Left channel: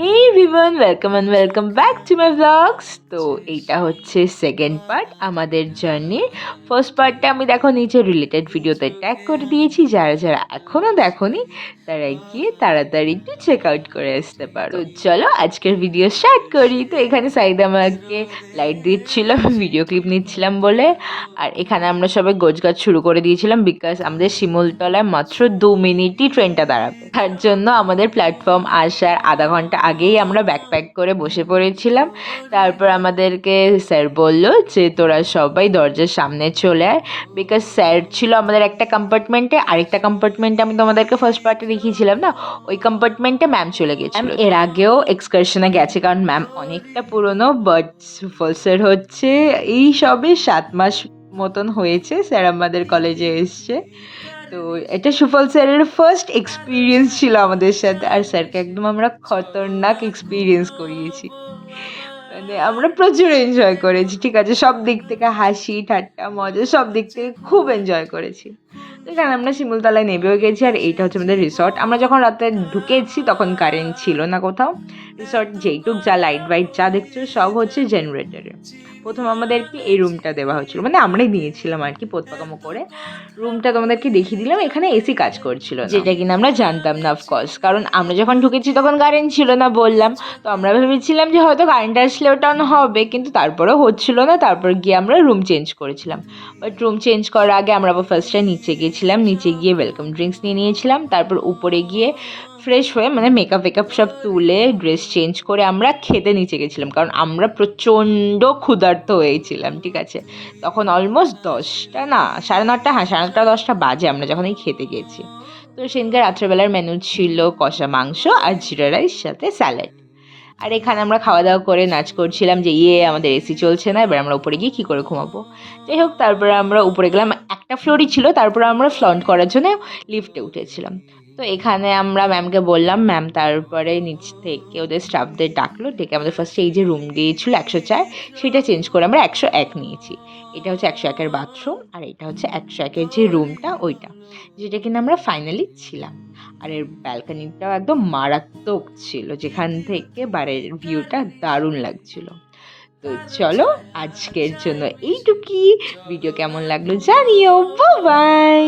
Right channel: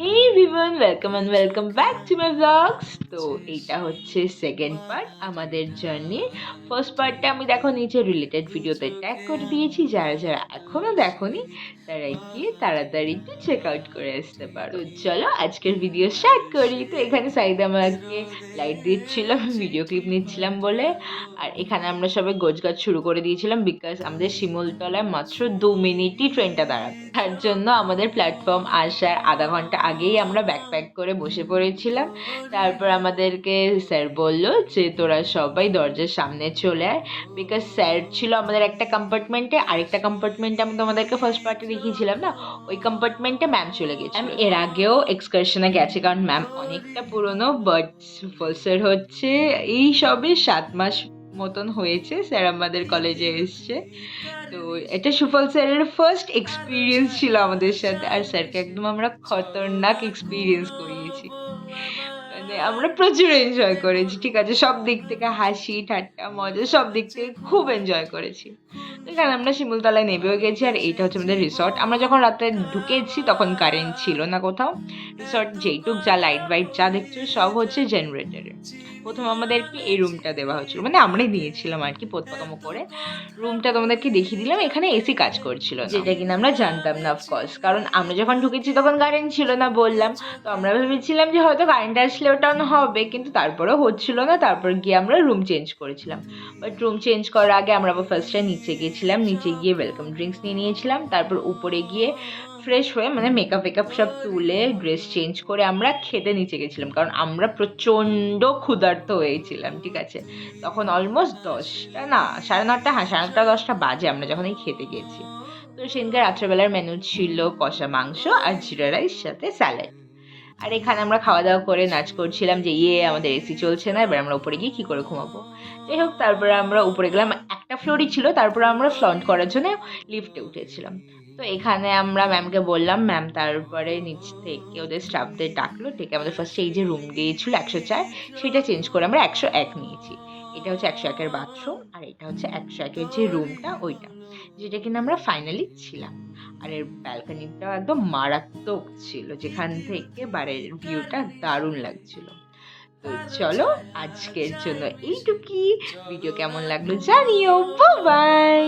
Hey everyone, welcome back to my blogs. তো এইটা হচ্ছে সেকেন্ড পার্ট আমাদের জার্নি। ফার্স্ট পার্টটা আমি দেখো নিচে রিলেটেড ভিডিওতে ট্যাগ করে দিয়েছি, যারা যারা এখনও দেখোনি তারা গিয়ে তাড়াতাড়ি একটু চেক আউট করে আসতে পারো। তো চলো আজকের ভিডিও স্টার্ট করি। তো এখানে সাইদ আমাকে লাইট দিচ্ছিল, আমি ভিডিও ক্লিপ নিচ্ছিলাম বলে। আর এখানে আমরা সবাই গোছগাছ শুরু করে দিয়েছিলাম, বিকজ আমাদের শিমুলতলায় মাত্র 2 মিনিটই ট্রেনটা দাঁড়াবে। তার জন্য আমাদের প্ল্যাটফর্ম আসার আধা ঘন্টা আগেই আমরা ব্যাকপ্যাক করে বসে পড়েছিলাম। তারপর আমাদেরকে স্যার বললো যে তোরা সবাই দরজার সামনে চলে আয়, বিকজ স্যার ছিল আমাদের একটা কম্পার্টমেন্টে, আরেকটা কম্পার্টমেন্টে আমি তোমাদেরকে ফার্স্ট পার্টে দেখিয়েছিলাম না, ওই কম্পার্টমেন্টে ম্যাম চলে গেছিল। এর আগেও এক্সকারশনে গেছে, কারণ ম্যাম অনেকটা পুরনো, বাট স্যার হচ্ছে এই সবে 7 মাস মতন হয়েছে স্যার আমাদের কলেজে এসছে। তো এটা সুফল স্যারের ফার্স্ট এক্সপিরিয়েন্স ছিল আমাদের সাথে, আর স্যারকে একদম আমরা খতরনাক এক্সপিরিয়েন্স করিয়েছি। মানে আমরা প্রচুর এনজয় করেছি, ঠিক আছে, সব দিক থেকে হাসি ঠাট্টা মজা সব দিক থেকে খুব এনজয় করেছি। এখানে আমরা শিমুলতলায় নেমেও গেছি, আর এইটা হচ্ছে আমাদের রিসর্ট। আমরা যখন রাতে ঢুকেছি তখন কারেন্ট ছিল না কোথাও। রিসর্ট যেইটুক যা লাইট বাইট যা দেখছো সব হচ্ছে জেনারেটরে। প্রথম আমাদেরকে এই রুমটা দেওয়া হয়েছিল, মানে আমরাই নিয়েছিলাম আর কি পোতপাকামো করে। রুমটা তোমাদেরকে দেখিয়ে দিলাম, এখানে এসি কাজ করছিল না, যেটা কিনা আমরা জানতাম না অফকোর্স, কারণ আমরা যখন ঢুকেছি তখন কারেন্ট ছিল না বললাম। তো আমরা ভেবেছিলাম যে হয়তো কারেন্ট আসলে ওটা অন হবে, কিন্তু তারপরেও হচ্ছিল না। তারপর গিয়ে আমরা রুম চেঞ্জ করেছিলাম, বাট রুম চেঞ্জ করার আগে আমরা আবার ফার্স্টে নিচে গিয়েছিলাম, নিচে গিয়ে ওয়েলকাম ড্রিঙ্কস নিয়ে নিয়েছিলাম। তারপর উপরে গিয়ে ফ্রেশ হয়ে মানে মেকআপ ফেকআপ সব তুলে ড্রেস চেঞ্জ করে আমরা খেতে নিচে গেছিলাম, কারণ আমরা প্রচণ্ড ক্ষুধার্ত হয়েছিলাম, ঠিক আছে। তখন অলমোস্ট 10টা না 9:30, হ্যাঁ 9:30 10টা বাজে আমরা যখন এই খেতে গেছি। তো সেদিনকে রাত্রেবেলার মেনু ছিল কষা মাংস আর জিরা রাইস সাথে স্যালাড। আর এখানে আমরা খাওয়া দাওয়া করে নাচ করছিলাম যে আমাদের এসি চলছে না, এবার আমরা উপরে গিয়ে কী করে ঘুমাবো। যাই হোক, তারপরে আমরা উপরে গেলাম, একটা ফ্লোরই ছিল। তারপরে আমরা ফ্লন্ট করার জন্য লিফটে উঠেছিলাম। তো এখানে আমরা ম্যামকে বললাম, ম্যাম তারপরে নিচ থেকে ওদের স্টাফদের ডাকলো, ডেকে আমাদের ফার্স্টে এই যে রুম দিয়েছিল 104, সেটা চেঞ্জ করে আমরা 101 নিয়েছি। এটা হচ্ছে 101-এর বাথরুম, আর এটা হচ্ছে 101-এর যে রুমটা ওইটা, যেটা কিনা আমরা ফাইনালি ছিলাম। আর এর ব্যালকনিটাও একদম মারাত্মক ছিল, যেখান থেকে বাইরের ভিউটা দারুণ লাগছিল। তো চলো আজকের জন্য এইটুকুই। ভিডিও কেমন লাগলো জানিও। বাই।